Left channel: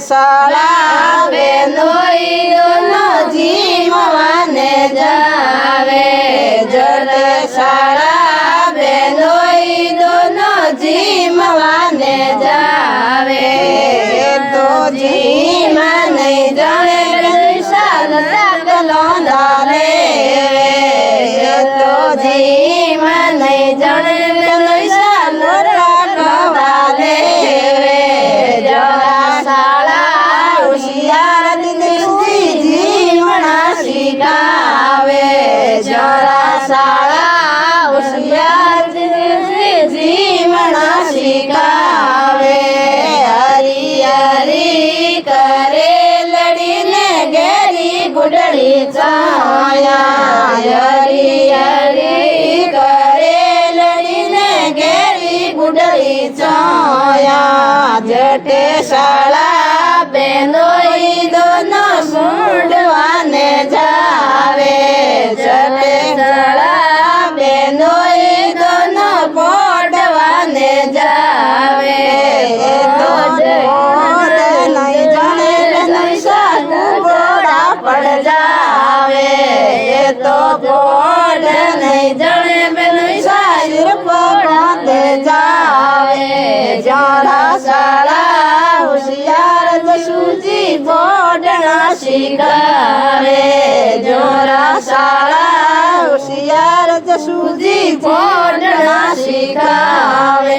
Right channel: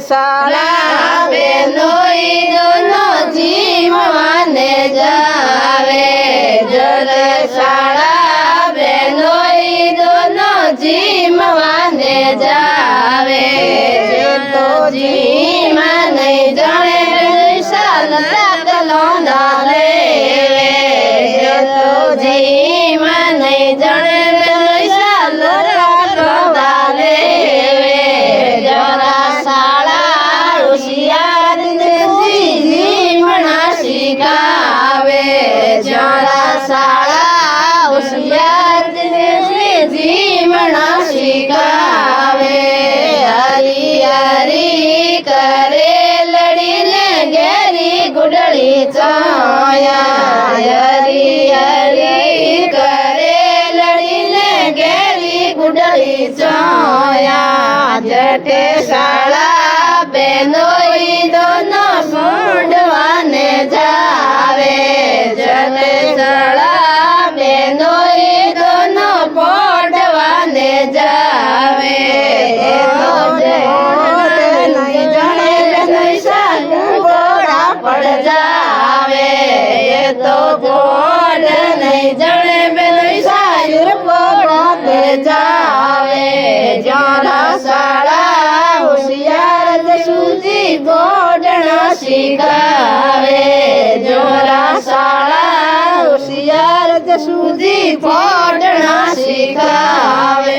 શાળા બેનોઈ દોનો જીમવાને જાવે જલે શાળા બેનોઈ દોનો જીમવાને જાવે તો જીમ નહીં જાણે શાલો ડાલે તો જીમ નહીં જાણે શાલો ડાલે જરા શાળા હોશિયાર જીમણા શીખાવે જરા શાળા હોશિયાર જીમણા શીખાવે હરી હરી કરે લડીને ઘેરી ગુડળી ચોયા હરી હરી કરે લડીને ઘેરી ગુડળી ચોયા જટે શાળા બેનોઈ દોનો મૂંડવાને જાવે જટે શાળા બેનોઈ દોનો પોડવાને જાવે તો પોડ નહીં જાણે બેનોઈ સાનું પોડા પડ જાવે તો પોડ નહીં જાણે બેનોઈ સાયર પગોતે જાવે જરા શાળા હોશિયાર જસુજી બોડણા શીખાવે જોરા શાળા હોશિયાર જસુજી બોડણા શીખાવે।